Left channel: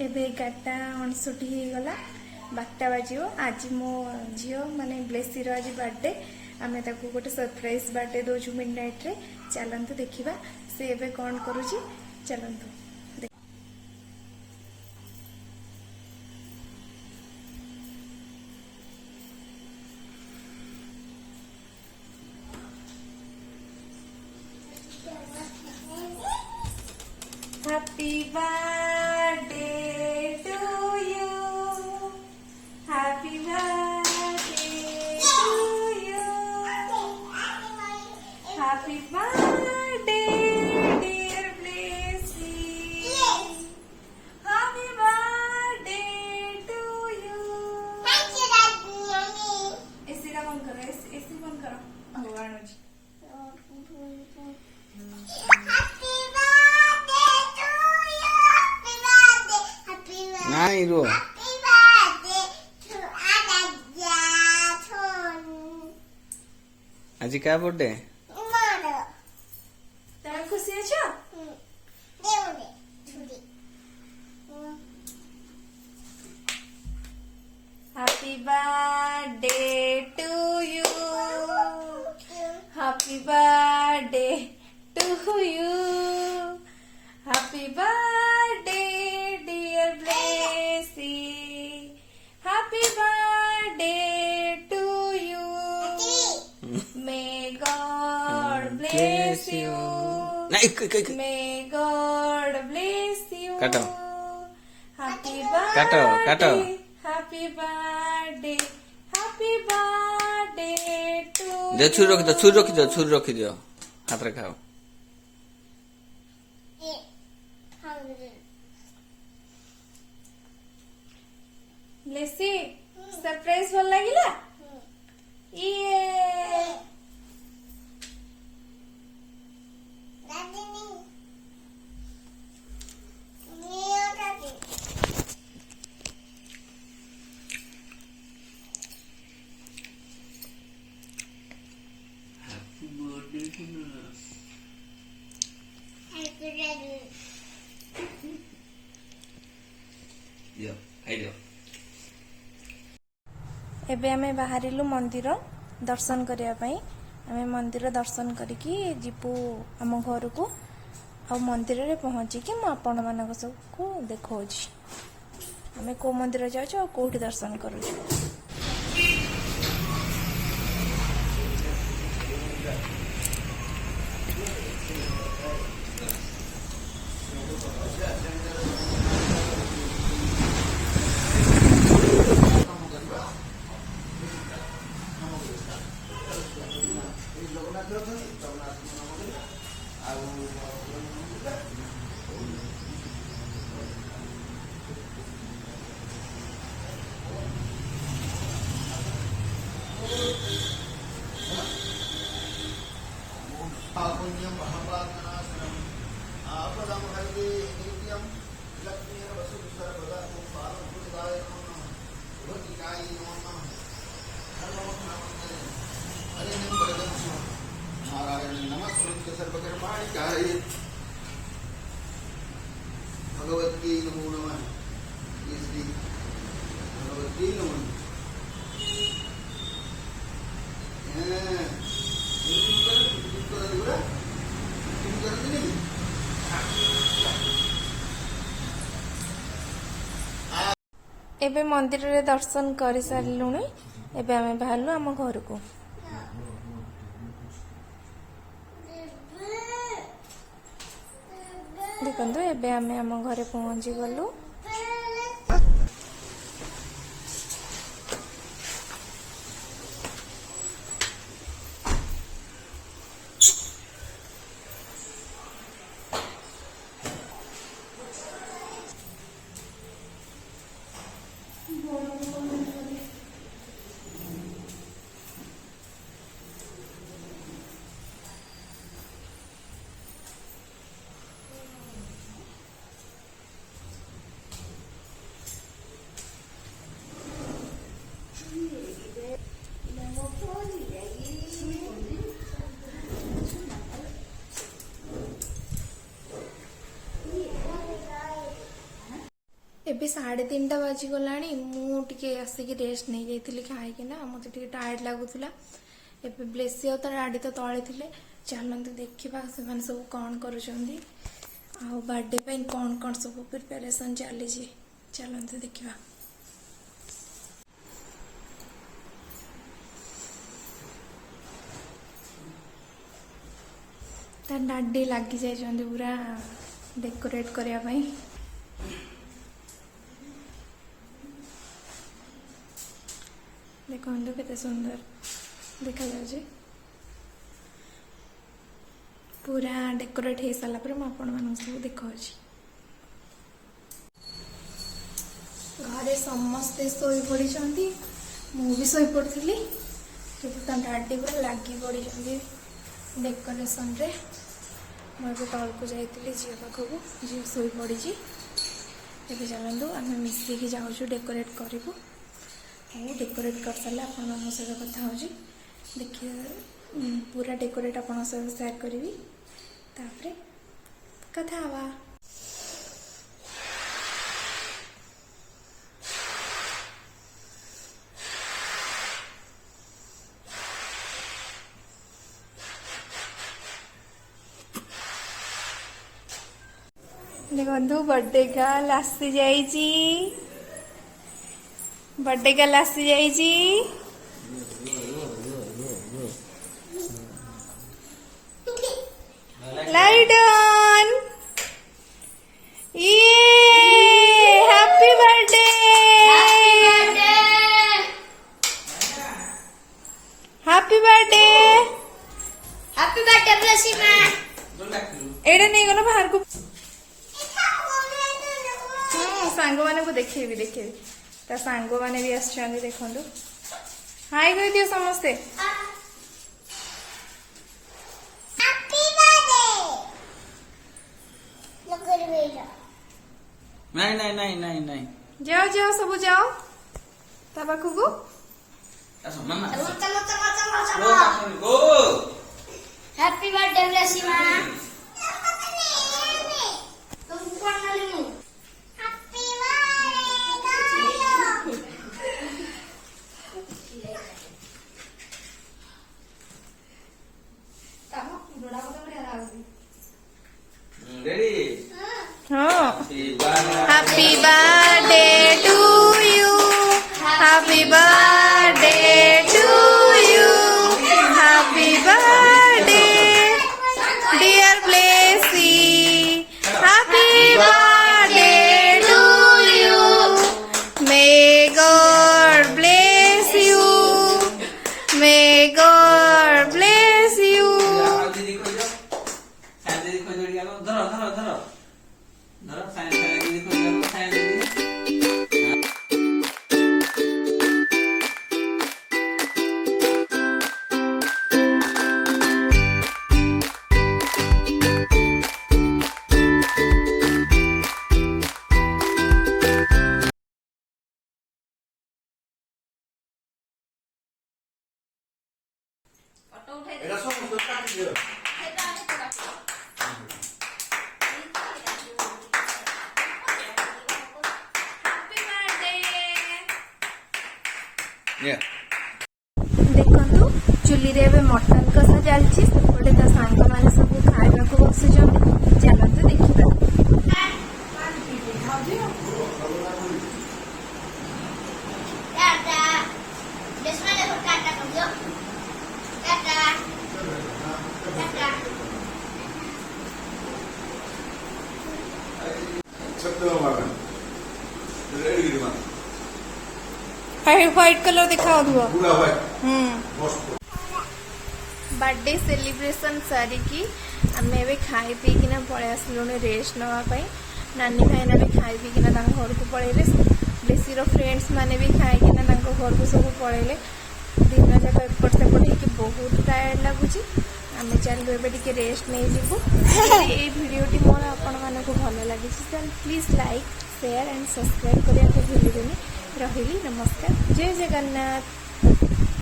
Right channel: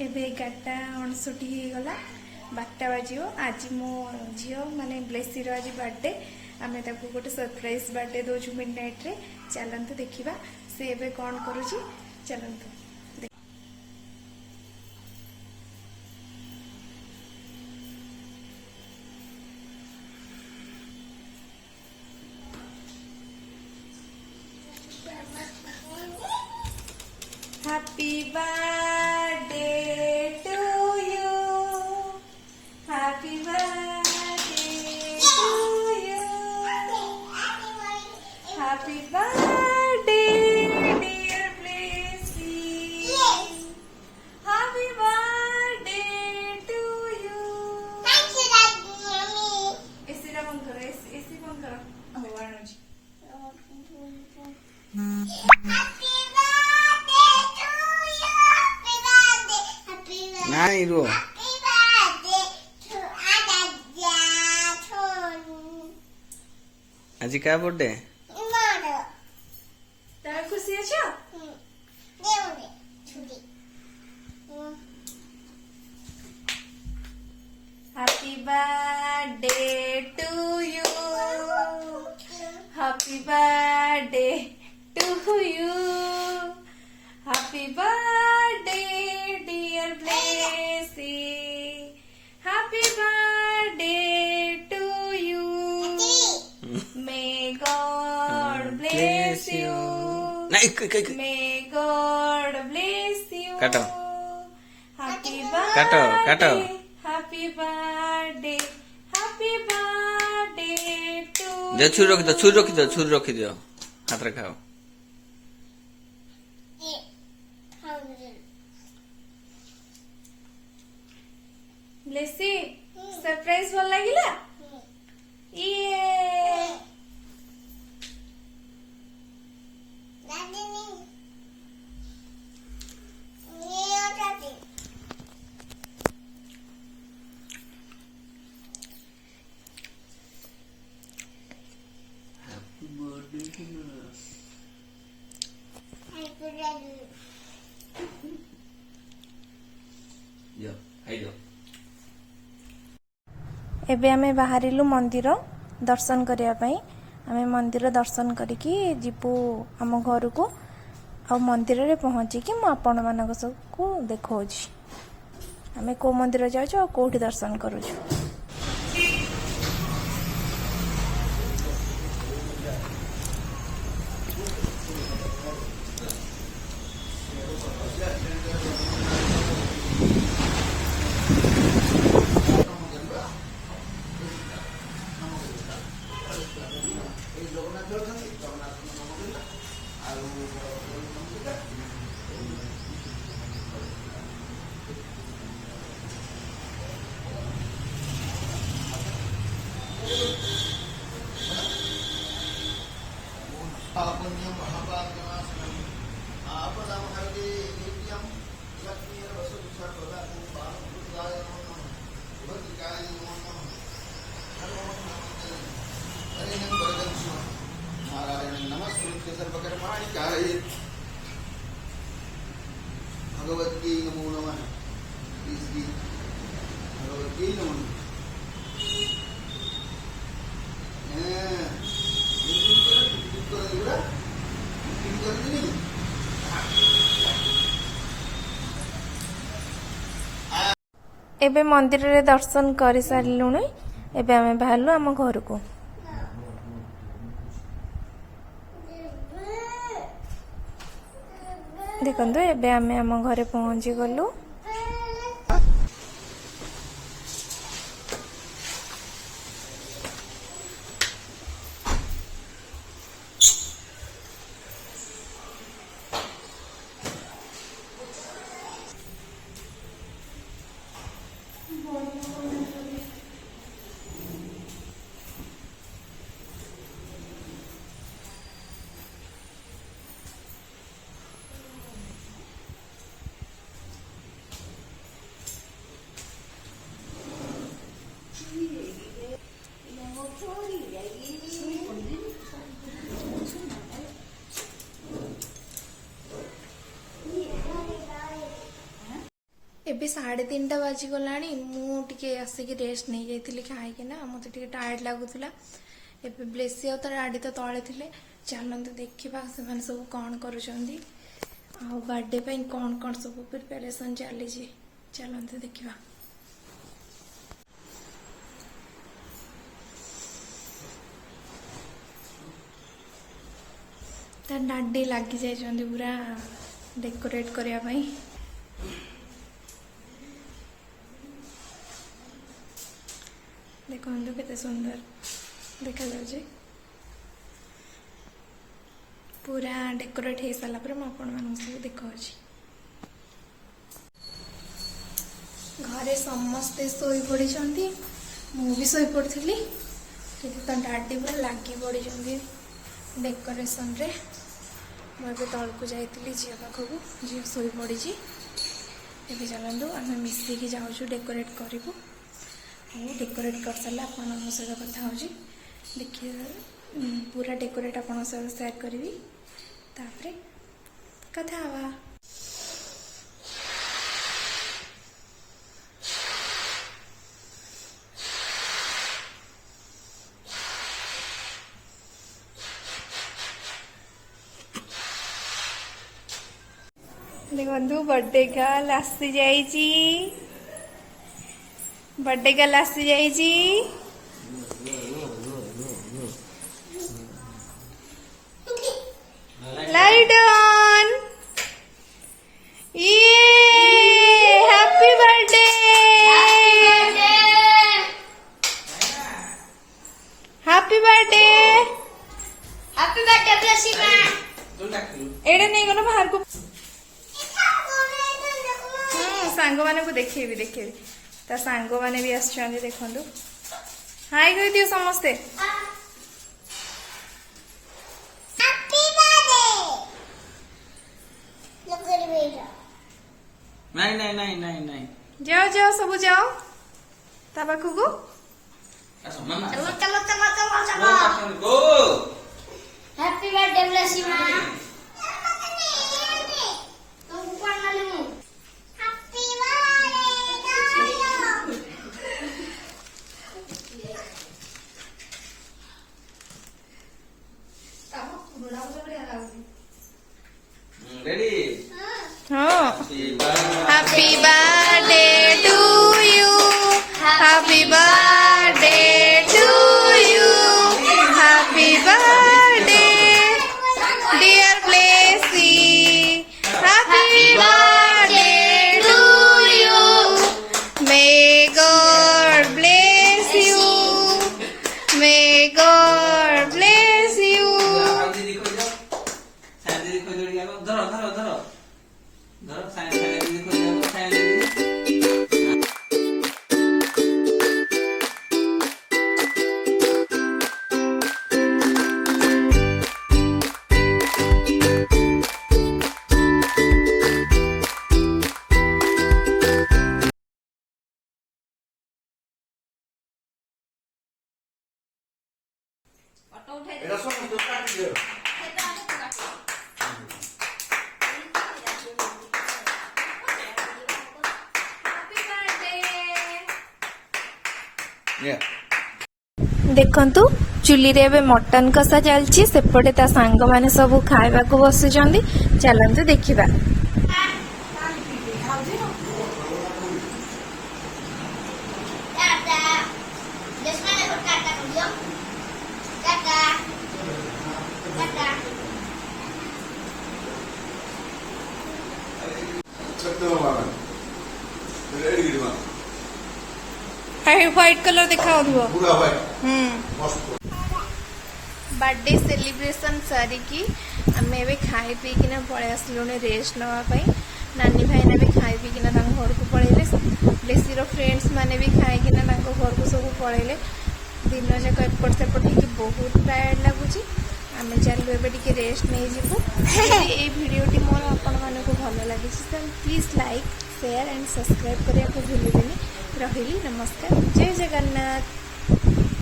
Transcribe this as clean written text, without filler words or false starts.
एबे 11:59 होगला 12टा बाजियो। आज मो झील माने ब्लेसीर आज बर्थडे आमे ताको गोटे सरप्राइज बर्थडे दोजु मिड नाइट रे। चलंतु देखिबा से एबे कौन करूची। चलंतु happy birthday to you, happy birthday to you, happy birthday dear Blessy, happy birthday to you. इसी बंद करो, इसी बंद करो। भगवान जी नहीं रो आज क्या बर्थडे तमे खुशी अछो? Happy birthday to you, happy birthday to you, happy birthday dear Blessy, happy birthday to you, may God bless you, नहीं मे गॉड ब्लेस यू। काटो हैप्पी काटो काटो happy birthday, happy birthday to. जो छुरी रखी दो, छुरी रखी दो, छुरी रखी दो, हाथ रे खाओ। लेसी सरप्राइज भल लागिला? ये एबे आमे बाहरिलु मंदिर दर्शन करिया पई। आमे मंदिर दर्शन करिकी जिपु आम घर को। आ मंदिर रे पहुंची कि म आपण मानक सबको देखौछि आमे को मंदिर जाउछु आ कोठी दर्शन करूछु। भगवती नमो नमः, भगवती नमो नमः। एबे मंदिर रे दर्शन कर सारिलुଣି। एबे आमे बाहरलु आम घर को। देखंतु एबे आमे आम घरे पहुंची गलु। ଏବେ 3:30 ବାଜିଗଲାଣି। ମୁଁ ଟିକେ ଆସିକି ରେଷ୍ଟ ନେଇଯାଇଥିଲି ଖାଇକିନା, ମୋତେ ଟିକେ ଟାୟାର୍ଡ ଲାଗୁଥିଲା। ଏବେ ବ୍ଲେସି ଆଉ ତା ଡାଡି ତ ତଳେ ଥିଲେ। ଚାଲନ୍ତୁ ଦେଖିବା ସେମାନେ ସବୁ କ'ଣ କରୁଛନ୍ତି, ଆଉ ବାର୍ଥଡେ ପାଇଁ କ'ଣ କ'ଣ ସବୁ ପ୍ରିପାରେସନ୍ ଚାଲିଛି। ଚାଲନ୍ତୁ ଦେଖିବା। ତା ଡାଡି ଲାଗି ଯାଇଛନ୍ତି ପୁରା ଡେକୋରେଟ୍ କରିବା ପାଇଁ। ଦେଖନ୍ତୁ କେତେ ସୁନ୍ଦର ଦେଖାଯାଉଛି। ପୁରା ଡେକୋରେଟ୍ ହେଇସାରିଲା ପରେ ମୁଁ ଆପଣମାନଙ୍କୁ ସବୁ ଦେଖାଉଛି। ଘରେ ସମସ୍ତେ ଶୋଇପଡ଼ିଛନ୍ତି, ମୁଁ ବି ଶୋଇପଡ଼ିଥିଲି, କିନ୍ତୁ ତା ଡାଡି ପୁରା ଲାଗି ପଡ଼ିଛନ୍ତି ଡେକୋରେସନରେ। ମୁଁ ଏବେ ତଳକୁ ଯାଇଥିଲି ଝିଅ ପାଖକୁ, ଝିଅ ଶୋଇପଡ଼ିଛି। ଏବେ ଚାଲନ୍ତୁ ଆମେ ମିଶିକି ଯାଉଛୁ ଡେକୋରେଟ୍ କରିବୁ। ଆଉ ଡେକୋରେଟ୍ କରିସାରିଲେ ଆପଣମାନଙ୍କ ସହିତ କଥା ହେଉଛି। ଦେଖିବା ପୁରା ଡେକୋରେଟ୍ ଆପଣଙ୍କ ସହିତ ସେୟାର କରିବି, ତାପରେ କଥା ହେବା। ଦେଖନ୍ତୁ बर्थडे गर्ल आसी जाइची, बर्थडे गर्ल आसी जाइची। Light on. ये happy birthday, happy birthday, happy birthday ब्लेसिमा। एडे नहीं गनो बाहर को। सांग माने को देखेबी देखेबी ता सांग माने भी आछांदी। देखंदु हाय कहि दियो समस्ते। हैप्पी बर्थडे लगरी बेटा। नहीं नहीं नहीं नहीं नहीं जाओ जाओ सब जाओ ता पाखु को। मामा चलो चलो चलो चलो गो चलो। गो हैप्पी बर्थडे ब्लेसिमा। तुम कौन वाले मु? Happy birthday. रेडी हां happy birthday to you, happy birthday to you, happy birthday dear Blessy, happy birthday to you, may God bless you, may God bless you. दीदी को जाओ, साइड दीदी को जोड़ी आओ। धरो धरो धरो धरो साइड दीदी को जाओ, साइड दीदी। এরা সব তো কাটি দিও। ये देखंतु चुली रे एबे मटन कषा चलची, सेपटे ता सांग माने सब खाइबा को बसिचंदी। चलंतु देखिबा। टाटा ब्लेसिमा देखो टाटा कर दियो। टाटा टाटा। সত্যি মামা রেডি দিমা हाय व्हाइट कलर दिखाओ दुआ। পুরা ভাই মস্ত। बर्थडे सेलिब्रेशन सारिकी आमे एबे खाई पी किना पळे आसलुने रेस्ट नवा पई। नानी भाईना भी खाई पी किना तांग घर को पळेले। बेसी रो फ्रेंड्स माने भी खाई किना तांग घर को सब पळेले। दिन जाक एपट सेपट कि बहुत टायर्ड लागुची। आमे चलु एबे टिके रेस्ट नै जिवु। यदि ए वीडियोटी मोर आपण मानको भलो लागिछि त please like share and subscribe करिया को भूलिबेनी। रहिली नमस्कार, जय जगन्नाथ।